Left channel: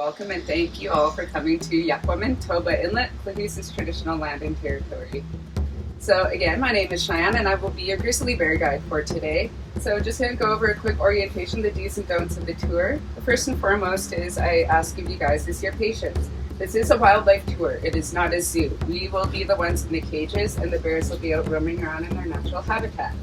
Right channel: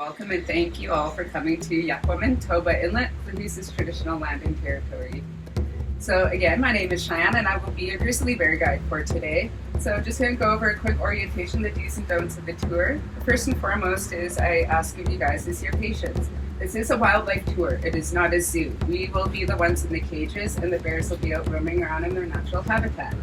Welcome and thank you all for coming to Toba Inlet, Klahoose's traditional landing territory. So again, my name is Cheyenne and I will be your grizzly bear guide for today. So just going to go over a quick orientation, the do's and don'ts of the tour. The first and foremost is I ask of you guys is your patience. This is a wildlife tour. It is not a zoo. We will be the ones in the cages and the bears will be out roaming around in their natural habitat.